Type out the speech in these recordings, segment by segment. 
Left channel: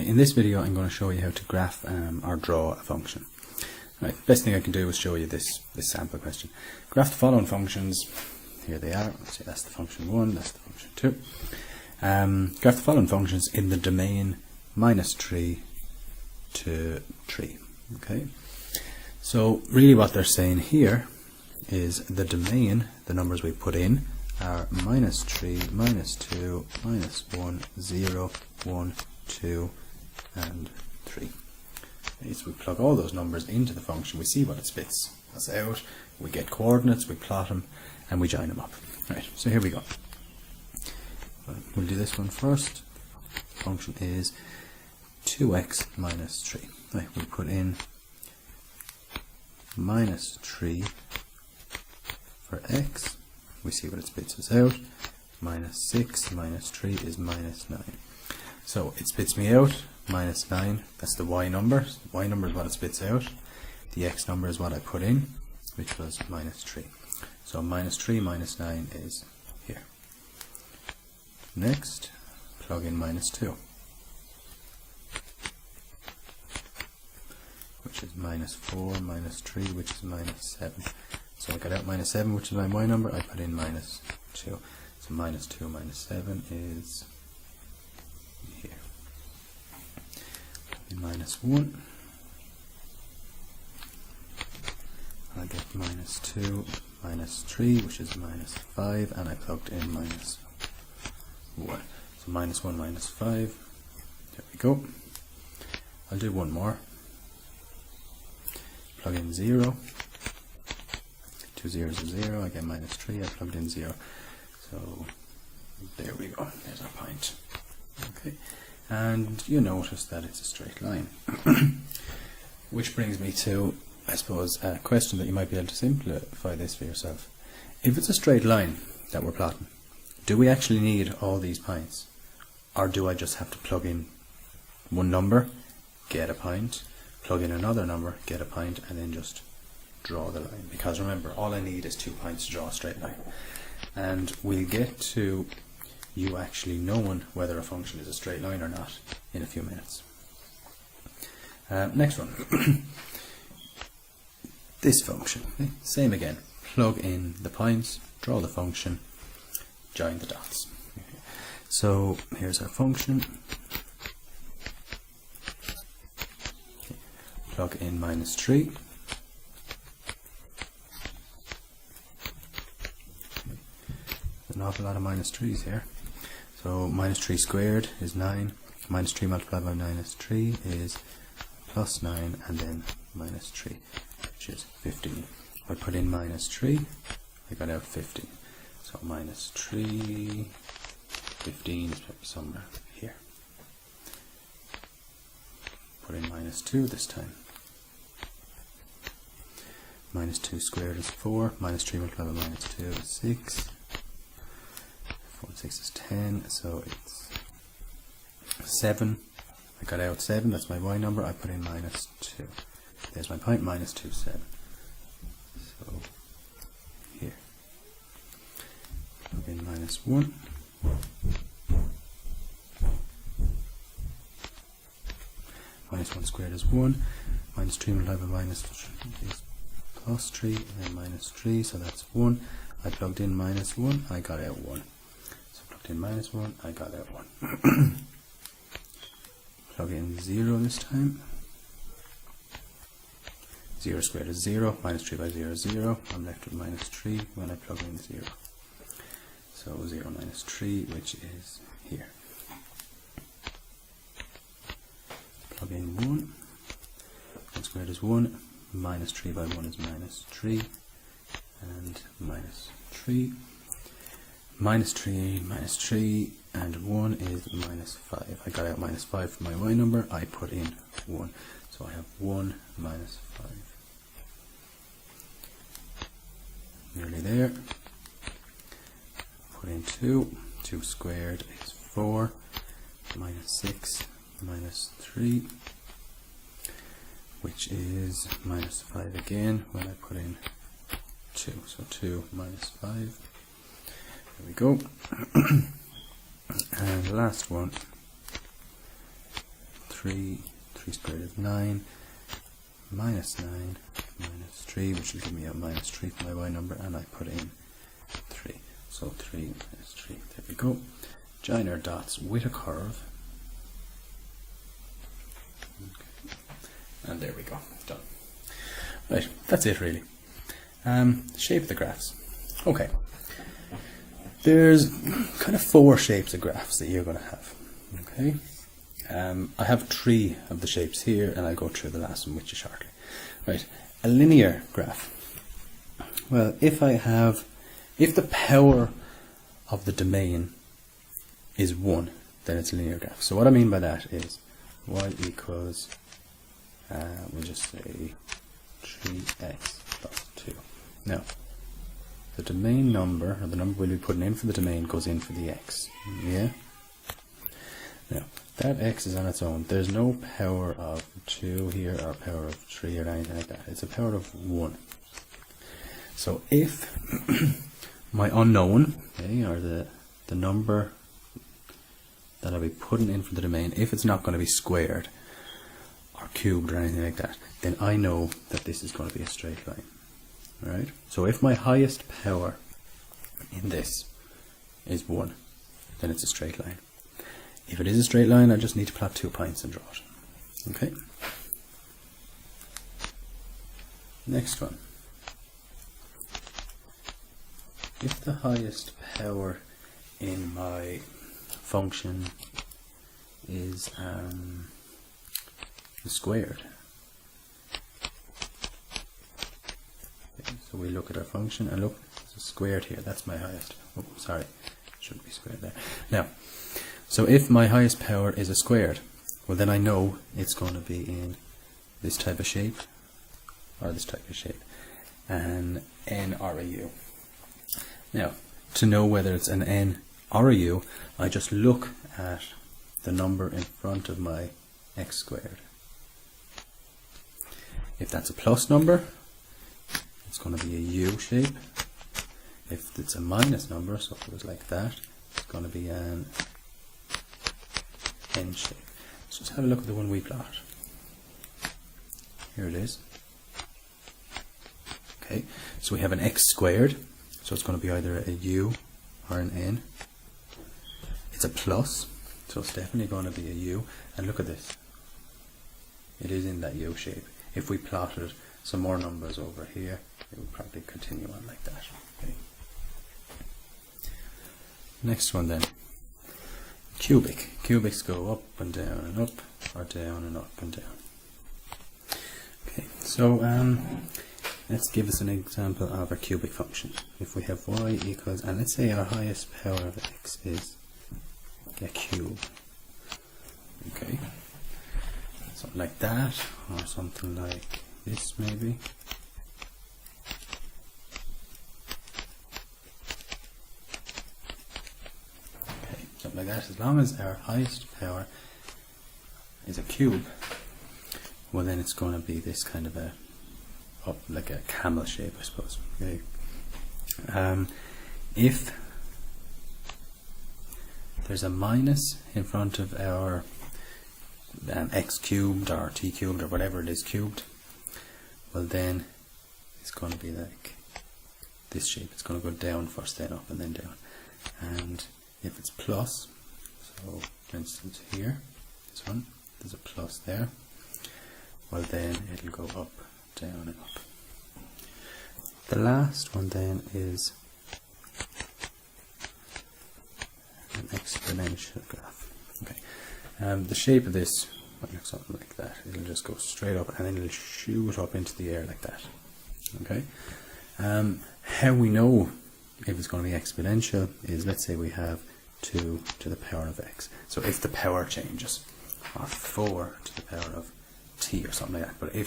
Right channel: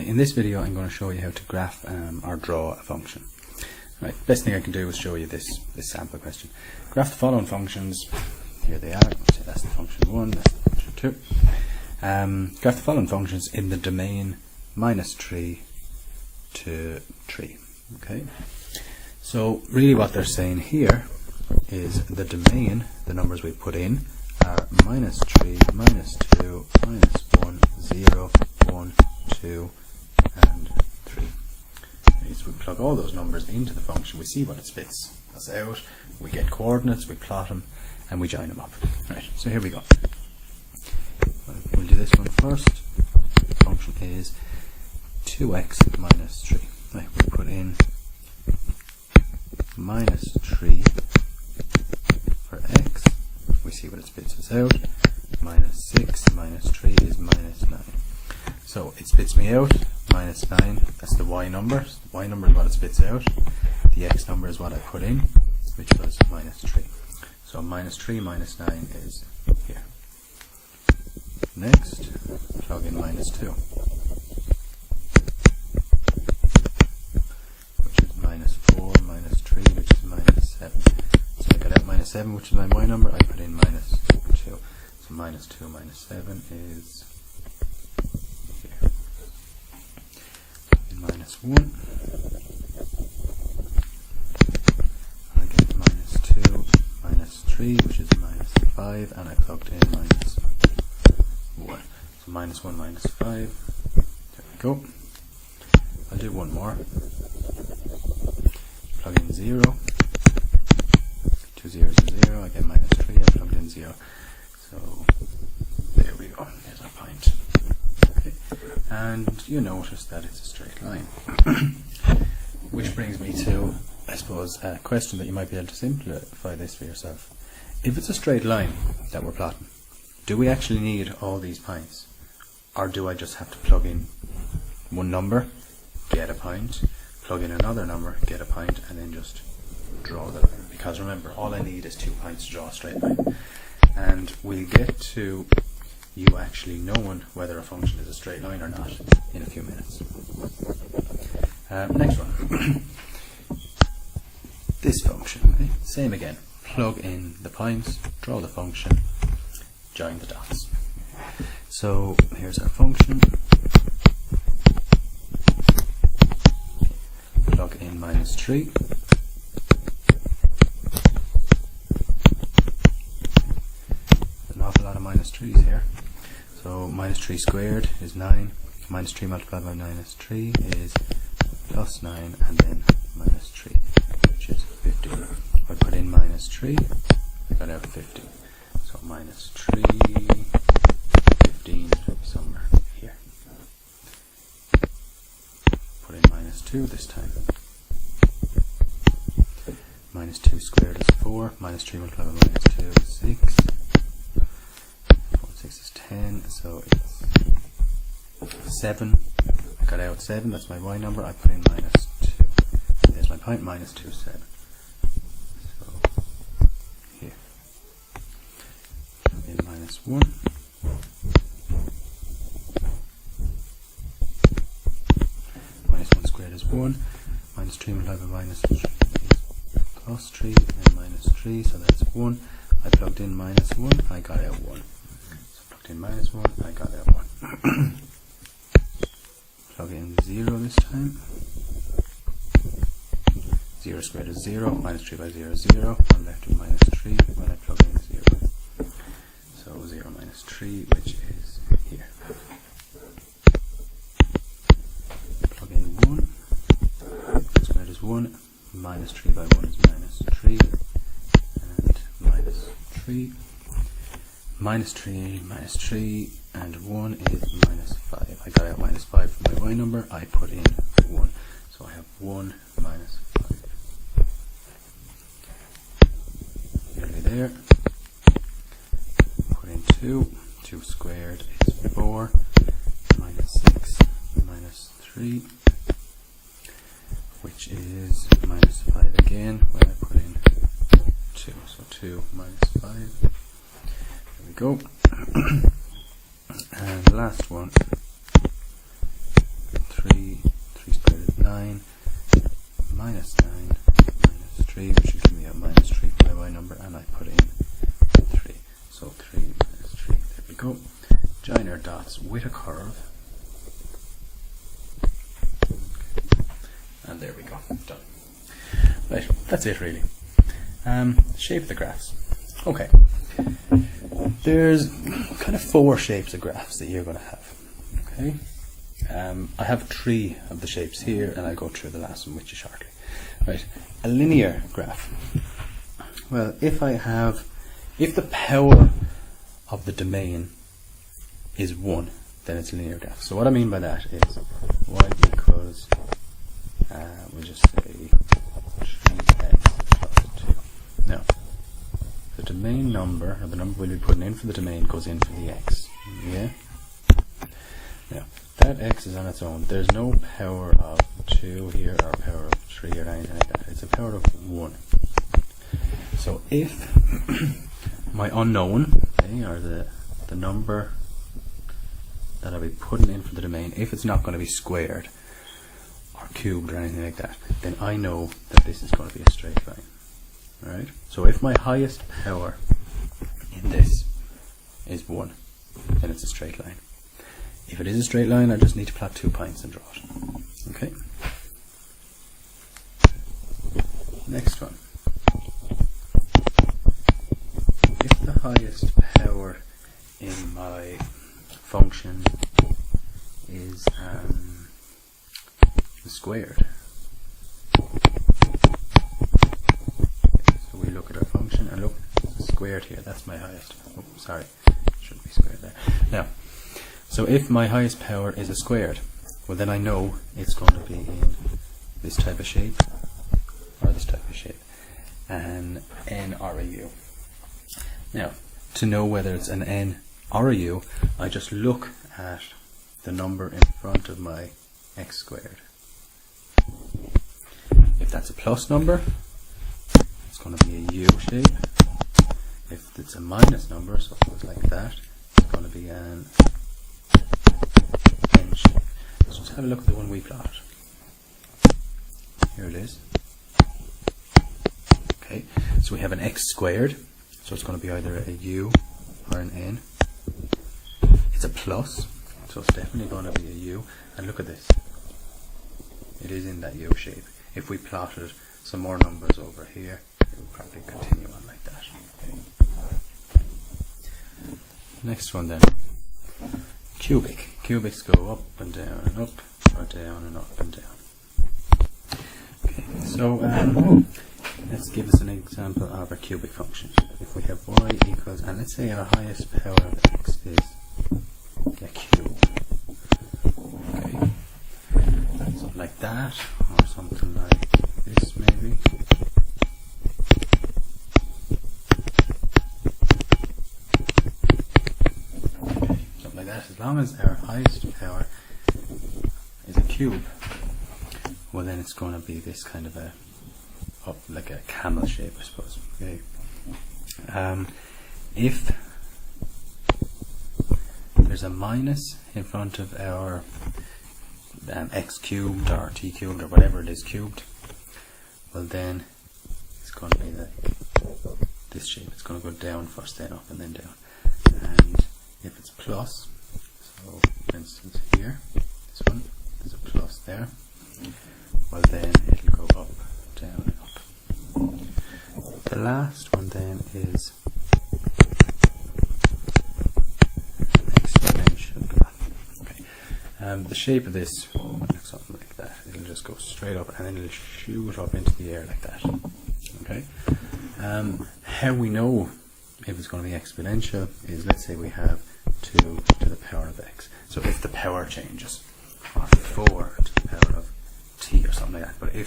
Okay, in this video I'm going to show you how to graph or draw a function. Right, best thing I can do is show you this sample question. Graph the following functions. Here they are. So that's the function 1, that's the function 2. Graph the following functions in the domain -3 to 3. Okay. So really what they're saying here is the domain, the numbers we put in are -3, -2, -1, 0, 1, 2 and 3. As we plug all those numbers into the function, we see what it spits us out, we get coordinates, we plot them and we join them up. Right, so here we go. We'll do this one first. The function is 2x minus 3. Right, we put in -3 for x, we see what it spits us out. -6 minus 3 is -9. So it spits me out -9, that's the y number. The y number is what it spits out. The x number is what I put in, which was -3. So -3 minus 9 is here. Next, plug in -2, which is -4 minus 3, which is -7. So I got out -7, which is my y number. I put in -2. So -2 minus 7 is here. -1. I get -2 minus 3, which is -5, and I plugged in -1. So -1 minus 5. There we go. I'll do one more. Plug in 0. 2 zeros is 0. I get -3. I plugged in 0. So there we go. There's our point. Okay. And you notice that it's a straight line. Which brings me to, I suppose, a question that you might be able to simplify this for yourself. If it's a straight line that we're plotting, do we actually need all these points? Or do I just have to plug in one number, get a point, plug in another number, get a point, and then just draw the line? Because remember, all I need is 2 points to draw a straight line. And we'll get to you actually knowing whether a function is a straight line or not in a few minutes. Next one. This function, okay? Same again. Plug in the points, draw the function, join the dots. So here's our function. Plug in -3. An awful lot of -3s here. So -3 squared is 9. -3 multiplied by -3 is +9, and then -3, which is 15. If I put in -3, I got out 15. So -3, 15 should be somewhere here. Put in -2 this time. -2 squared is 4. -3 multiplied by -2 is 6. 4 and 6 is 10. So it's 7. I got out 7. That's my y number. I put in -2. There's my point. -2, 7. So here. Plug in -1. -1 squared is 1. -3 multiplied by -3 is +3, and then -3, so that's 1. I plugged in -1, I got out 1. So plugged in -1, I got out 1. Plug in 0 this time. 0 squared is 0. -3 by 0 is 0. I'm left with -3 when I plug in 0. So 0 minus 3, which is here. Plug in 1. 1 squared is 1. -3 by 1 is -3. And -3. -3, and 1 is -5. I got out -5 from my y number. I put in 1. So I have 1 minus 5. Nearly there. Put in 2. 2 squared is 4. -6 -3, which is -5 again when I put in 2. So 2 minus 5. There we go. And last one. 3, 3 squared is 9, minus 9, minus 3, which will give me a minus 3 for my y number, and I put in 3. So 3 minus 3, there we go. Join our dots with a curve. Okay. And there we go, done. Right, that's it really. Shape the graphs. Okay. There's kind of 4 shapes of graphs that you're going to have. Okay. I have 3 of the shapes here, and I'll go through the last one with you shortly. Right. A linear graph. Well, if the power of the domain is 1, then it's a linear graph. So what I mean by that is y equals, we'll just say 3x plus 2. Now, the domain number, or the number we'll be putting in for the domain, goes in for the x. Yeah? Now, that x is on its own. There's no power of 2 here, or power of 3, or anything like that. It's a power of 1. So if my unknown, okay, or the number that I'll be putting in for the domain, if it's not going to be squared or cubed or anything like that, then I know that this is going to be a straight line. Right? So if my highest power in this is 1, then it's a straight line. If it is a straight line, I just need to plot 2 points and draw it. Okay? Next one. If the highest power in my function is squared, so we look at our function and look, it's squared here. That's my highest. Oh, sorry, it shouldn't be squared there. Now, so if my highest power is a squared, well then I know it's going to be in this type of shape or this type of shape, an n or a u. Now, to know whether it's an n or a u, I just look at the number in front of my x squared. If that's a plus number, it's going to be a u shape. If it's a minus number, so if it was like that, it's going to be an n shape. So let's have a look at the one we plot. Here it is. Okay, so we have an x squared, so it's going to be either a u or an n. It's a plus, so it's definitely going to be a u. And look at this. It is in that u shape. If we plotted some more numbers over here, it would probably continue on like that. Okay. Next one then. Cubic. Cubics go up and down and up, or down and up and down. Okay, so let's give us an example of a cubic function. If we have y equals, and let's say our highest power of x is a cube. Okay, something like that, or something like this maybe. Okay, something like that. As long as our highest power is a cube, well then it's going to be this kind of a like a camel shape, I suppose. Okay. If there's a minus in front of our x cubed or t cubed or whatever it is cubed, well then it's going to be like this shape. It's going to go down first, then up, and then down. And if it's plus, so for instance here, this one, there's a plus there, well then it'll go up, down and up. The last one then is an exponential graph. Okay. The shape of this might look something like that. It'll just go straight up and then it'll shoot up into the air like that. Okay. How we know if it's going to be exponential is, let's say we have 2 to the power of x. So if the power changes, or 4 to the power of t or something like that. But if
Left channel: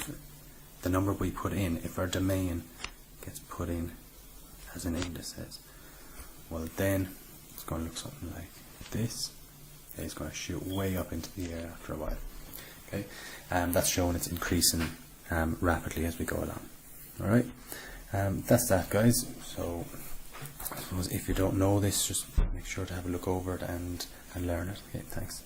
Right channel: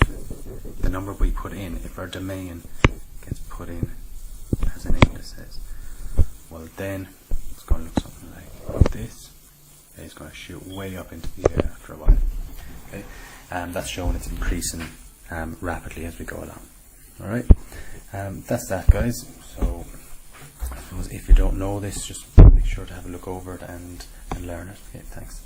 the number we put in, if our domain gets put in as an indices, well then it's going to look something like this. It's going to shoot way up into the air after a while. Okay, and that's showing it's increasing rapidly as we go along. Alright, that's that, guys. So I suppose if you don't know this, just make sure to have a look over it and learn it. Okay, thanks.